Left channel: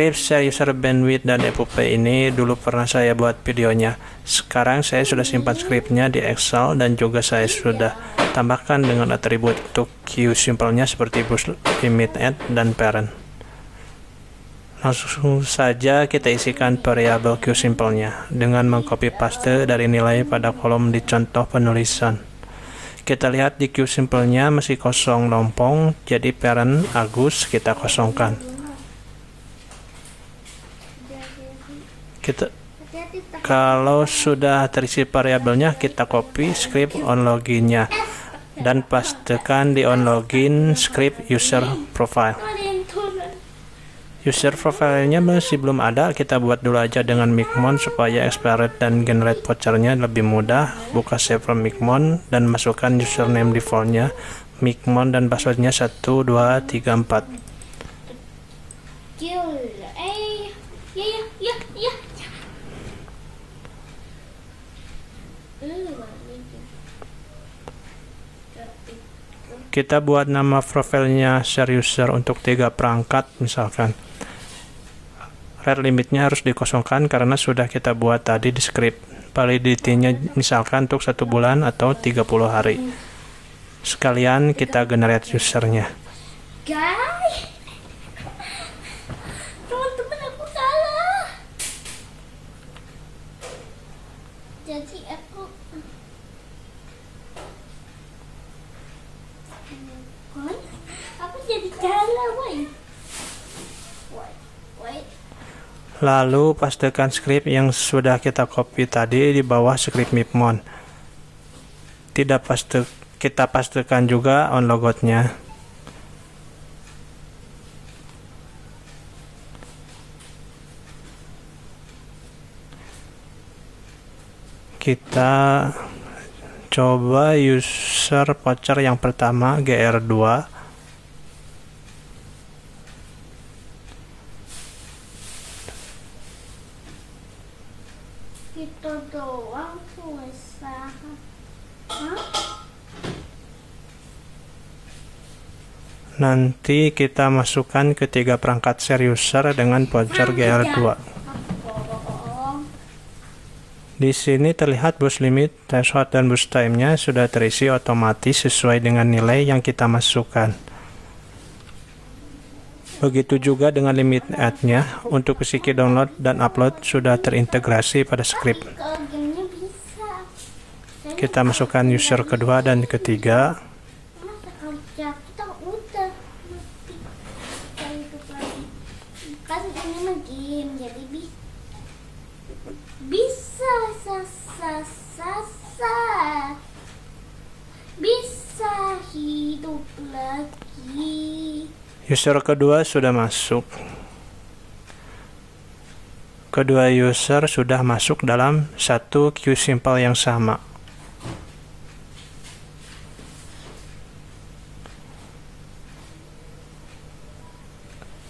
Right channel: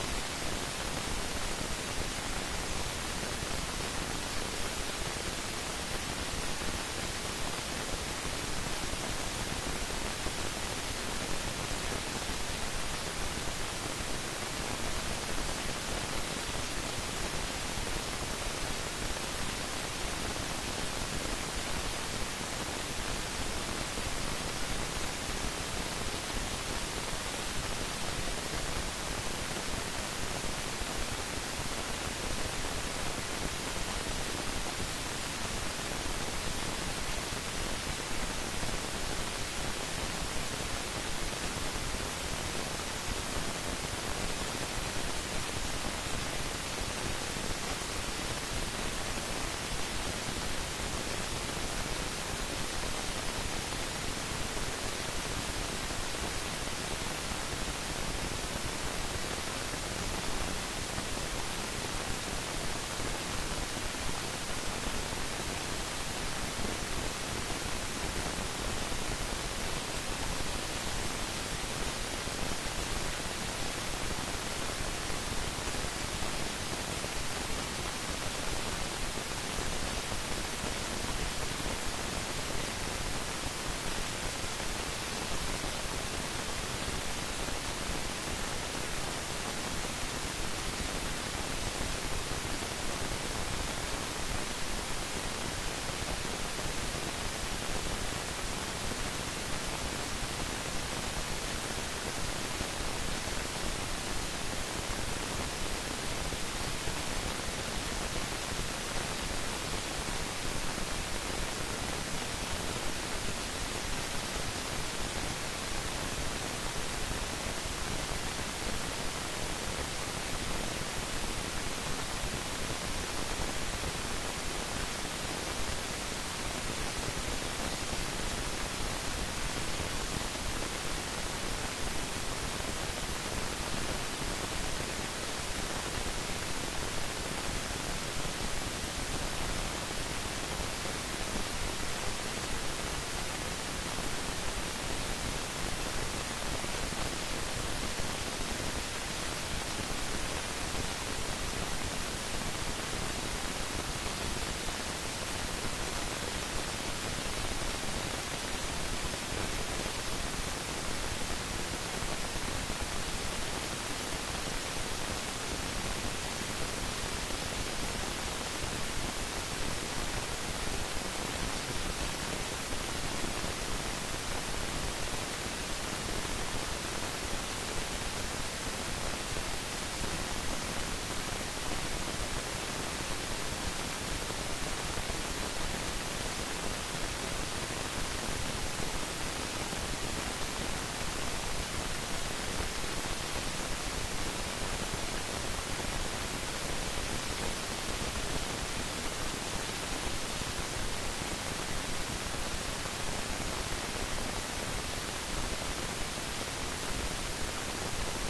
Script share user bandwidth dan FUP ini dulu pernah saya buat videonya. Sekarang saya sudah simpan scriptnya di Excel dan juga saya sudah tambahkan dengan atribut untuk queue simpelnya seperti bus limit add dan parent. Langsung saja kita isikan variabel queue simpelnya dengan mengcopy paste dari nilai pada kolom di contoh penulisan. Kita lihat di queue simpelnya masih kosong lompong, jadi parent Agus kita kosongkan. Kalau sudah terisi variabelnya, kita copy script on login-nya dan pastekan di on login script user profile. User profile-nya masih belum ada, kita buat dulu aja dengan Micmon supaya expired dan generate voucher-nya lebih mudah. Buka save from Micmon dan masukkan username default-nya Micmon dan password-nya 1234. Kita buat nama profilnya share user untuk 3 perangkat misalkan. Rate limitnya harus dikosongkan karena sudah kita buat tadi di script. Validity-nya misalkan untuk 1 bulan atau 30 hari. Sekalian kita generate usernya. Lalu pastekan script yang sudah kita copy tadi di bawah script Micmon. Kita pastekan juga on logout-nya. Kita coba user voucher yang pertama GR2. Nanti kita masukkan ke 3 perangkat share user dengan voucher GR2. Di sini terlihat bus limit, threshold dan bus time-nya sudah terisi otomatis sesuai dengan nilai yang kita masukkan. Begitu juga dengan limit add-nya, untuk isi key download dan upload sudah terintegrasi pada script. Kita masukkan user kedua dan ketiga. User kedua sudah masuk. Kedua user sudah masuk dalam satu queue simple yang sama.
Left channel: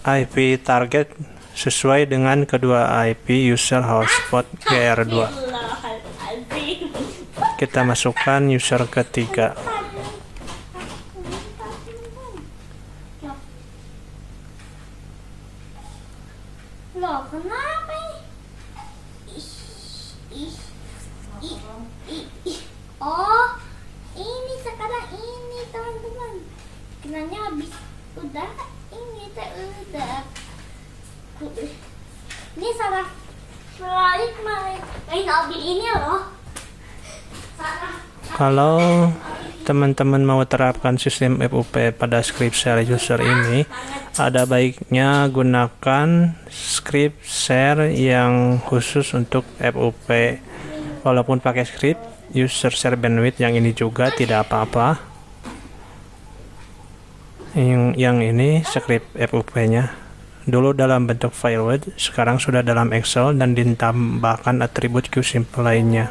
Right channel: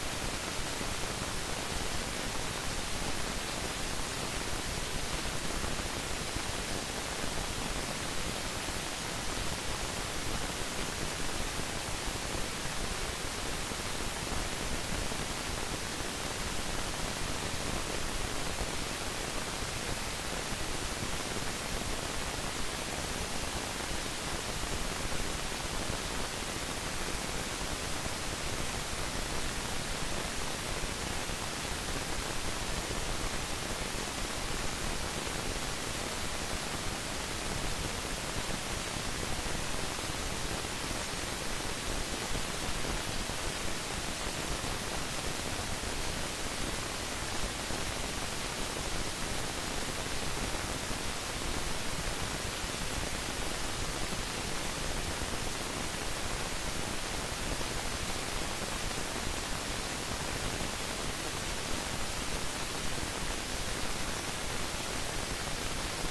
IP target sesuai dengan kedua IP user hotspot GR2. Kita masukkan user ketiga. Kalau teman-teman mau terapkan sistem FUP pada script share user ini, ada baiknya gunakan script share yang khusus untuk FUP. Walaupun pakai script user share bandwidth yang ini juga tidak apa-apa. Yang ini script FUP-nya dulu dalam bentuk file Word, sekarang sudah dalam Excel dan ditambahkan atribut queue simple lainnya.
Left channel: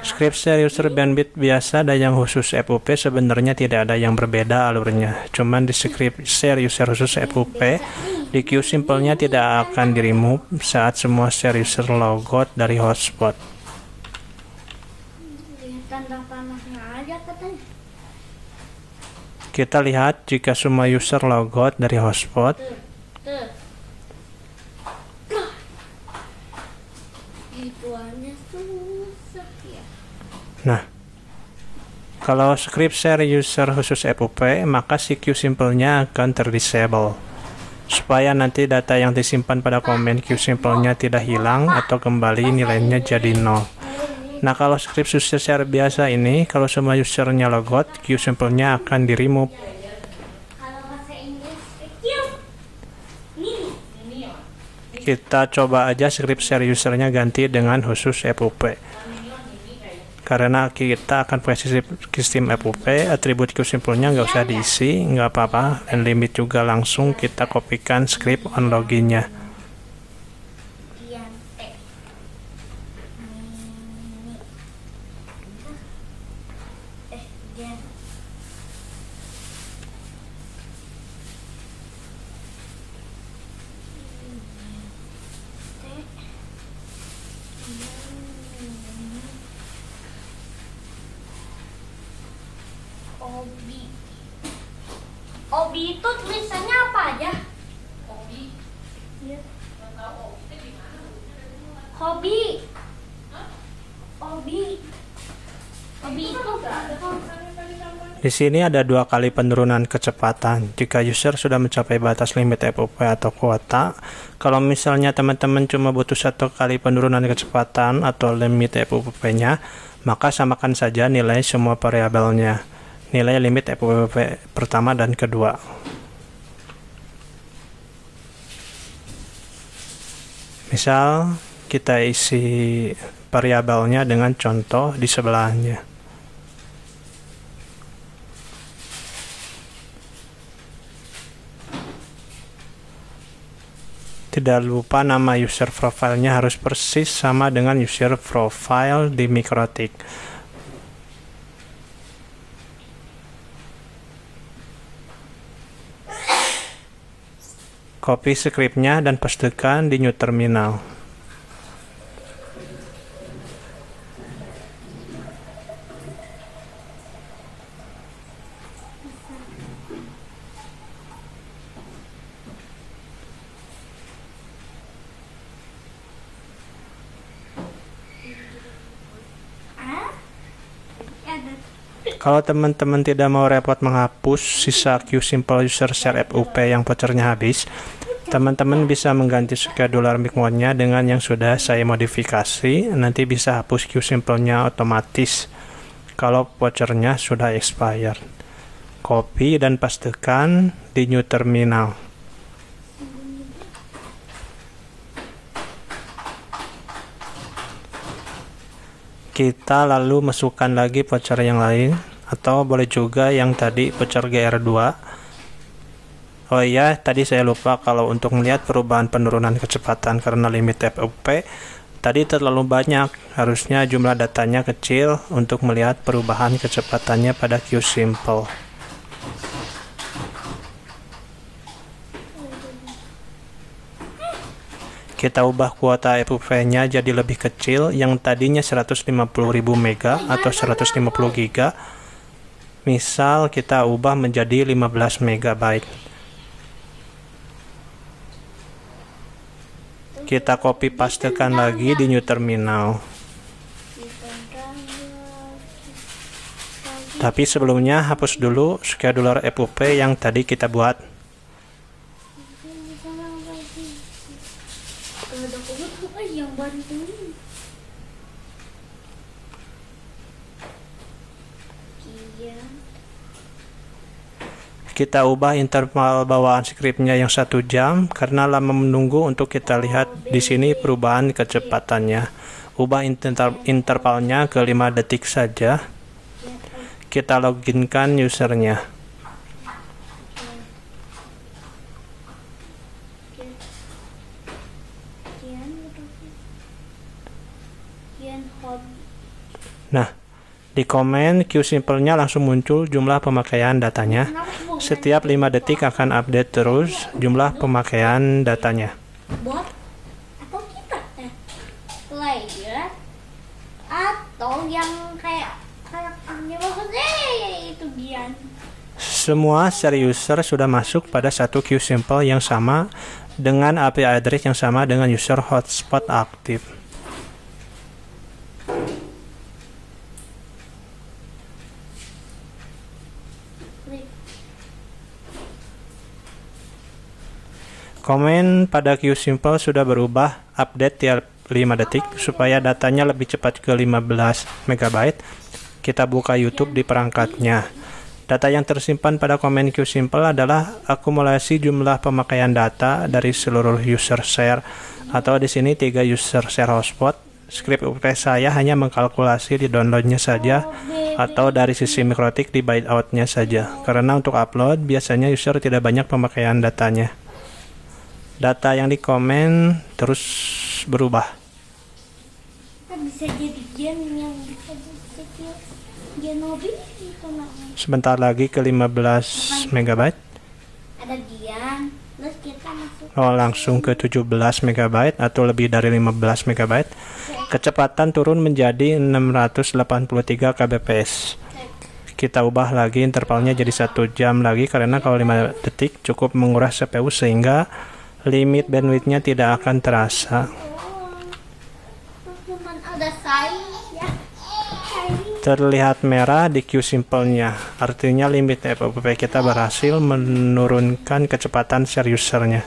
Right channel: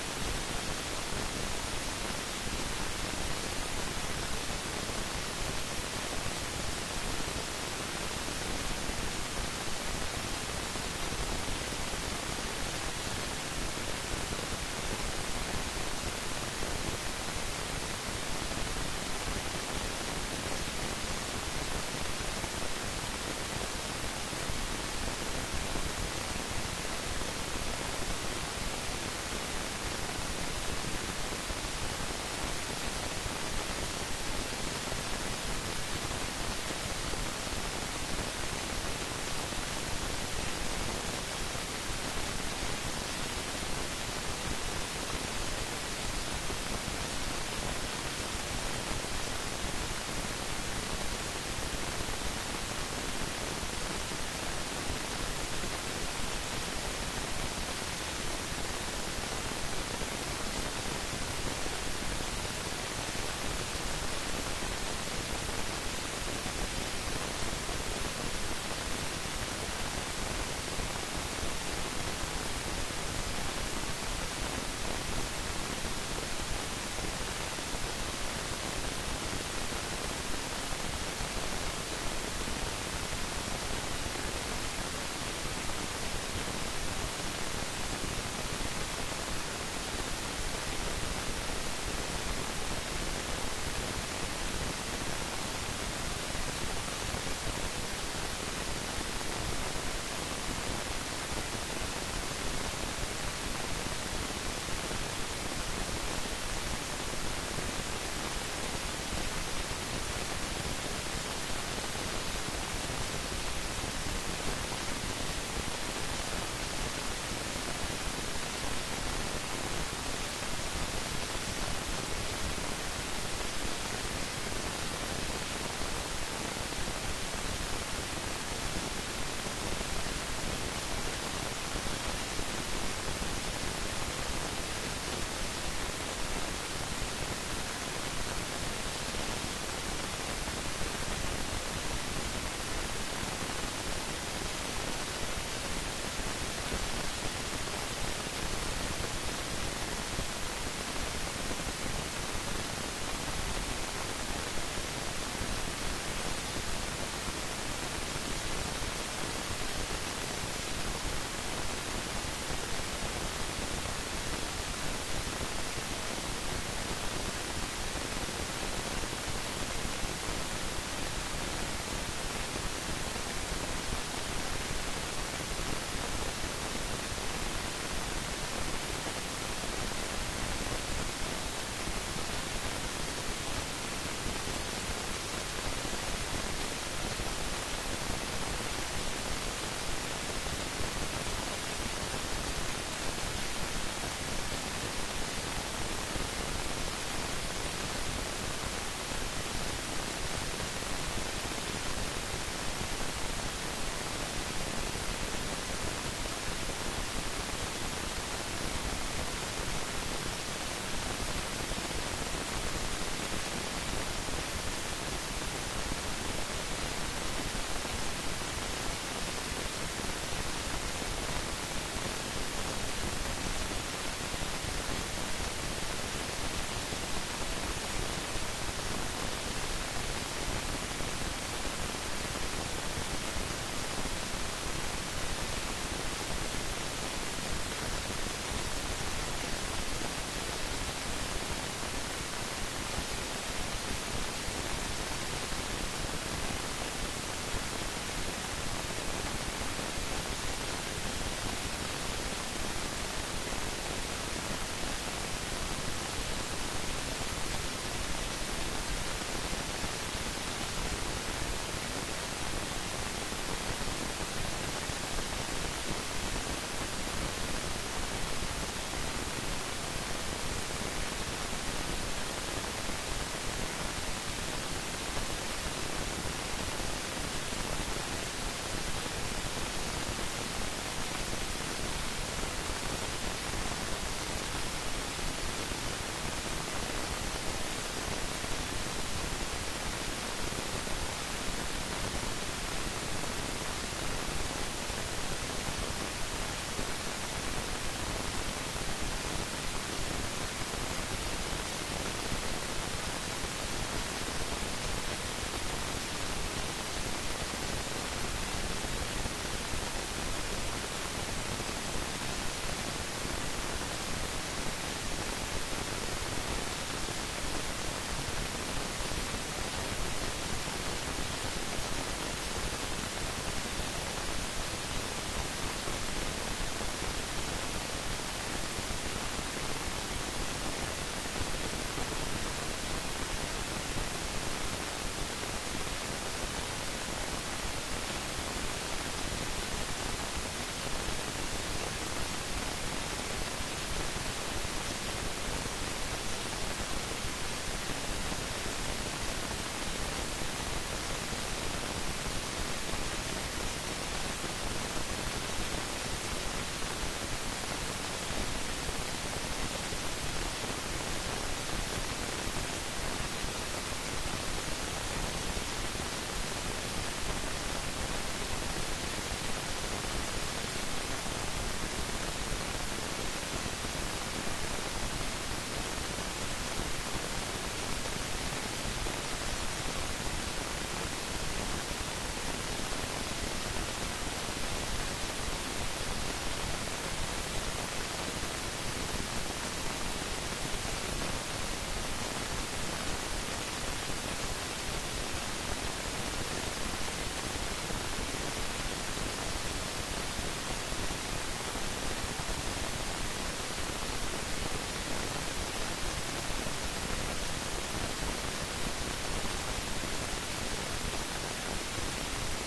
Script share user bandwidth biasa dan yang khusus FUP sebenarnya tidak ada yang berbeda alurnya. Cuman di script share user khusus FUP, di queue simpelnya tidak akan di remove saat semua share user logout dari hotspot. Kita lihat jika semua user logout dari hotspot. Nah, kalau script share user khusus FUP, maka si QSimple-nya akan terdisable, supaya nanti data yang disimpan pada komen QSimple-nya tidak hilang atau kembali nilainya jadi 0. Nah, kalau script user share biasa ini, kalau semua usernya logout, QSimple-nya akan di-remove. Kita coba aja script share usernya ganti dengan khusus FUP. Karena kita akan pakai sistem FUP, atribut QSimple-nya nggak usah diisi, nggak apa-apa, dan limit juga langsung kita kopikan script on login-nya. Hobi itu tulisannya apa aja? Hobi. Hobi itu Di sini ada 2 kali penurunan kecepatan. Jika user sudah mencapai batas limit FUP atau kuota, kalau misalnya teman-teman cuma butuh 1 kali penurunan kecepatan atau limit FUP-nya, maka samakan saja nilai semua variabelnya. Nilai limit FUP pertama dan kedua. Misal kita isi variabelnya dengan contoh di sebelahnya. Tidak lupa nama user profile-nya harus persis sama dengan user profile di Mikrotik. Copy scriptnya dan pastekan di new terminal. Kalau teman-teman tidak mau repot menghapus sisa QSimple user share FUP yang vouchernya habis, teman-teman bisa mengganti scheduler micmode-nya dengan yang sudah saya modifikasi. Nanti bisa hapus QSimple-nya otomatis kalau vouchernya sudah expire. Copy dan pastekan di new terminal. Kita lalu masukkan lagi voucher yang lain, atau boleh juga yang tadi voucher GR2. Oh iya, tadi saya lupa kalau untuk melihat perubahan penurunan kecepatan karena limit FUP tadi terlalu banyak, harusnya jumlah datanya kecil untuk melihat perubahan kecepatannya pada QSimple. Kita ubah kuota FUP-nya jadi lebih kecil, yang tadinya 150.000 mega atau 150 giga. Misal kita ubah menjadi 15 megabyte. Kita copy pastekan lagi di new terminal. Tapi sebelumnya hapus dulu scheduler FUP yang tadi kita buat. Kita ubah interval bawaan scriptnya yang 1 jam karena lama menunggu. Untuk kita lihat di sini perubahan kecepatannya. Ubah intervalnya ke 5 detik saja. Kita loginkan usernya. Nah, di komen QSimple-nya langsung muncul jumlah pemakaian datanya. Setiap 5 detik akan update terus jumlah pemakaian datanya. player atau yang kayak Itu dia. Semua share user sudah masuk pada satu queue simple yang sama dengan IP address yang sama dengan user hotspot aktif. Komen pada queue simple sudah berubah update tiap 5 detik supaya datanya lebih cepat ke 15 MB. Kita buka YouTube di perangkatnya. Data yang tersimpan pada komen queue simple adalah akumulasi jumlah pemakaian data dari seluruh user share, atau di sini 3 user share hotspot. Script UP saya hanya mengkalkulasi di downloadnya saja atau dari sisi mikrotik di byteout-nya saja, karena untuk upload biasanya user tidak banyak pemakaian datanya. Data yang dikomen terus berubah. Bisa jadi gen yang gen mobil. Sebentar lagi ke 15 MB. Ada Dian, terus kita masuk. Oh, langsung ke 17 MB atau lebih dari 15 MB. Kecepatan turun menjadi 683 kbps. Kita ubah lagi intervalnya jadi 1 jam lagi, karena kalau 5 detik cukup menguras CPU sehingga limit bandwidthnya tidak akan terasa. Cuman ada saya ya. Terlihat merah di queue simple-nya, artinya limit FOP kita berhasil menurunkan kecepatan share usernya.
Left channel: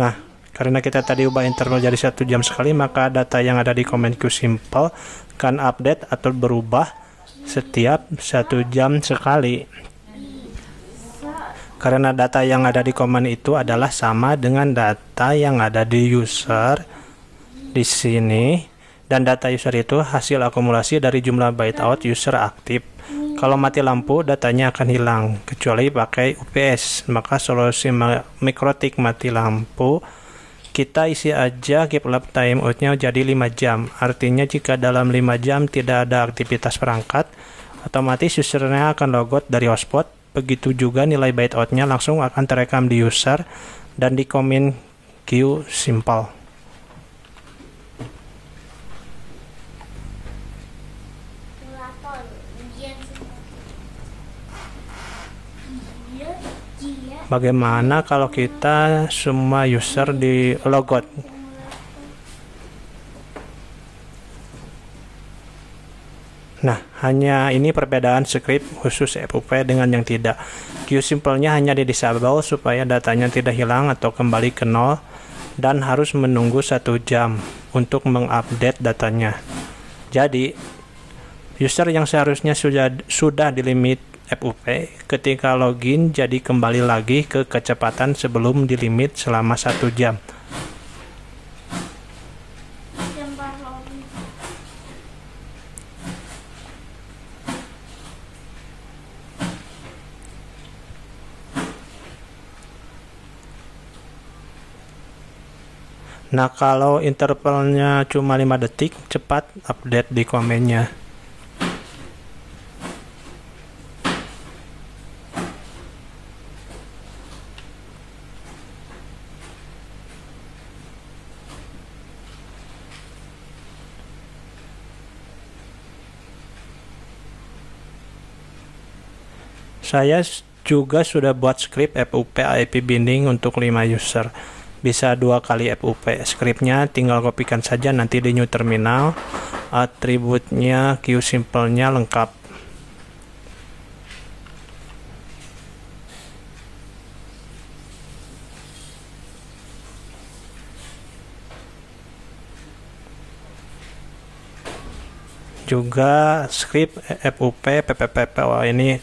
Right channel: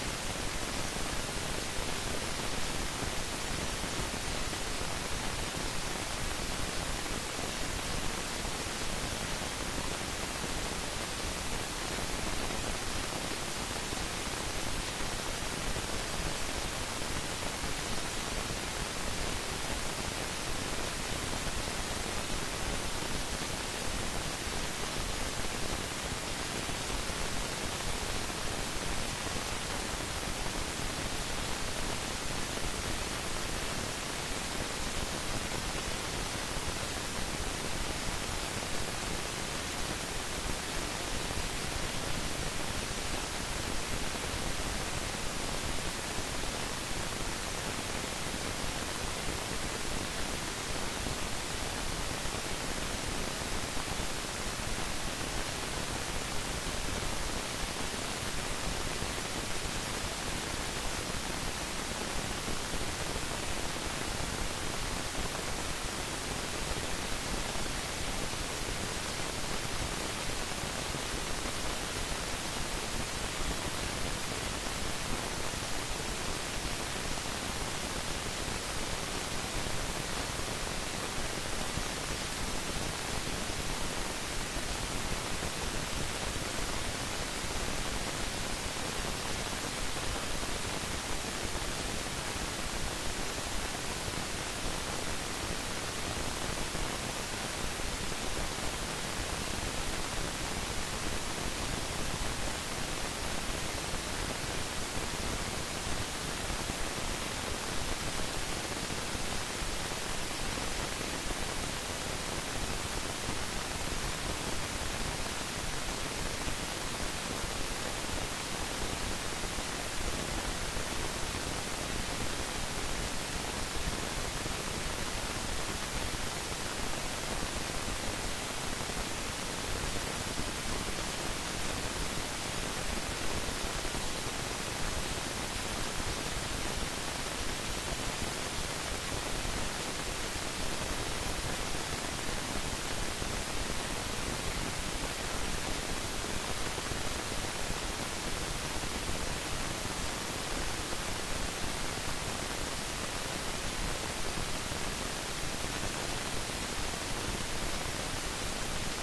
Nah, karena kita tadi ubah interval jadi 1 jam sekali, maka data yang ada di komen queue simple kan update atau berubah setiap 1 jam sekali. Karena data yang ada di komen itu adalah sama dengan data yang ada di user di sini, dan data user itu hasil akumulasi dari jumlah byteout user aktif. Kalau mati lampu, datanya akan hilang kecuali pakai UPS. Maka solusi mikrotik mati lampu, kita isi aja keep lab timeout-nya jadi 5 jam. Artinya jika dalam 5 jam tidak ada aktivitas perangkat, otomatis usernya akan logout dari hotspot. Begitu juga nilai byteout-nya langsung akan terekam di user dan di komen queue simple. Bagaimana kalau kita semua user di logout? Nah, hanya ini perbedaan script khusus FOP dengan yang tidak. Queue simple-nya hanya di disable supaya datanya tidak hilang atau kembali ke nol, dan harus menunggu 1 jam untuk mengupdate datanya. Jadi, user yang seharusnya sudah di limit FOP ketika login jadi kembali lagi ke kecepatan sebelum di limit selama 1 jam. Nah, kalau intervalnya cuma 5 detik, cepat update di komennya. Saya juga sudah buat script FOP IP binding untuk 5 user. Bisa 2 kali FOP. Scriptnya tinggal kopikan saja nanti di new terminal. Atributnya queue simple-nya lengkap. Juga script FOP PPPPO ini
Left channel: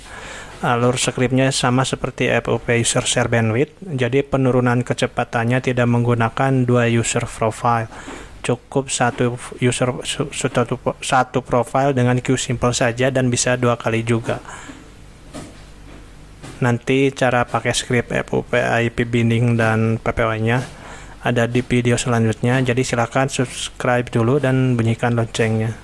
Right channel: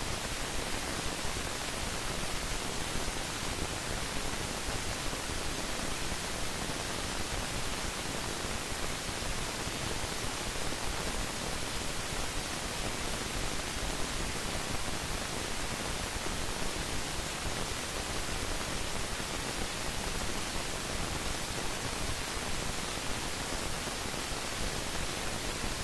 alur scriptnya sama seperti FOP user share bandwidth, jadi penurunan kecepatannya tidak menggunakan 2 user profile, cukup satu profile dengan queue simple saja dan bisa 2 kali juga. Nanti cara pakai script FOP IP binding dan PPO nya ada di video selanjutnya, jadi silakan subscribe dulu dan bunyikan loncengnya.